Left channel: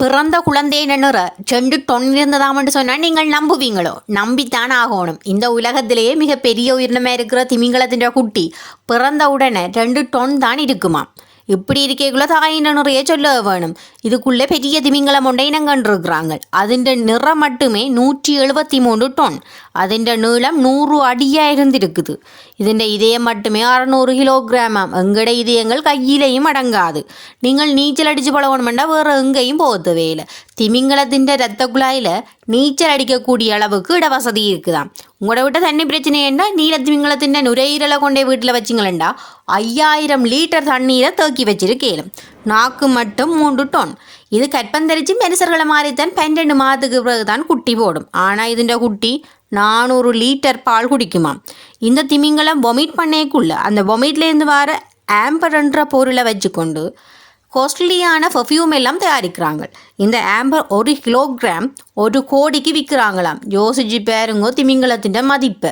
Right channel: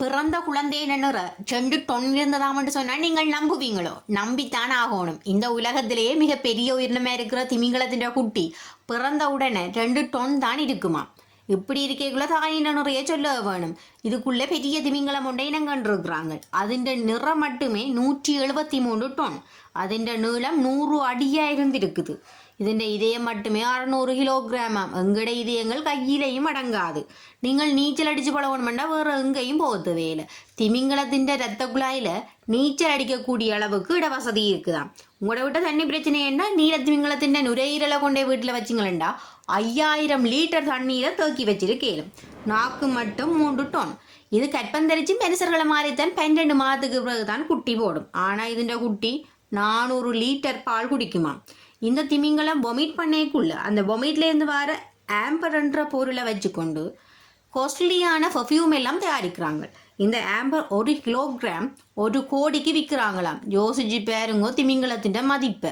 பிறந்த குழந்தை நிற செண்டு டொன் இருந்ததாம்னு சொன்னால் நீங்கள் நம்புவீங்களோ? நம்பித்தான் ஆகணும் இந்த உலகத்திலேயே மிக பெரிய உயிரினமாக இருக்கிற திமிங்கலத்தின் குட்டி. பிறந்த உடனே ரெண்டு டொன் தான் இருக்குமா இப்படி இருக்கேக்குள்ள தாயின நிறைய சொல்ல வேணும் இதுக்குள்ளே பெரிய திமிங்கலம் ஒன்றை இனம் கண்டிருக்கிறாங்க அதிண்ட நிறம் மட்டுமே நூற்றி எழுபத்தி மூன்று டொன் அதிண்ட நீளம் நூறு அடியாக இருந்திருக்குது ഇതിൻ്റെ ഇതയം മട്ടുമേ അറുന്നൂറ് കിലോഗ്രാമാം എങ്കടെ ഇതയങ്ങൾ കയ്യിലെയും അടങ്ങാത് നിങ്ങൾ നീച്ചലടിച്ച് പളവണമെണ്ട വേറെ എങ്കയും പോകത്തുവയില്ല തിമിംഗലത്തിൻ്റെ രക്തക്കുഴായിൽ നീച്ചലടിക്കക്കൂടിയ അളവുക്ക് ഇടവസതി ഇരിക്കുതാം உங்களோட விட்ட தண்ணி பிரச்சனை என்ன நீலத்திமிங்கலத்தின் நுரையீரலை கொண்டே வீட்டில் வச்சிங்களேண்டா? ஐயாயிரம் லிட்டர் தண்ணீரை தேக்கி வச்சிருக்கேலும் நாக்கு மட்டும் மூன்று டோன் இது கற்பந்தரிச்சு மனுஷர்களை மாறித்தான் பன்னெண்டு மாதத்துக்கு பிறகுதான் குட்டி போடும். ஆனால் இதுண்ட குட்டி நானூறு லிட்டர் பால் குடிக்குமாம் இந்த திமிங்கலம் வொமிட் பண்ணேக்குள்ள. அந்த வொமிட்லேருந்து வர ஆம்பர்ன்ற பொருளை வச்சுக்கொண்டு காஸ்ட்லியான பர்ஃப்யூம் எல்லாம் தயாரிக்கிறாங்க. இந்த ஆம்பர் ஒரு கிலோகிராம் ஒரு கோடிக்கு விற்கிறாங்களாம். யோசிச்சு பேருங்கோ திமிங்கலத்தின் மதிப்பை.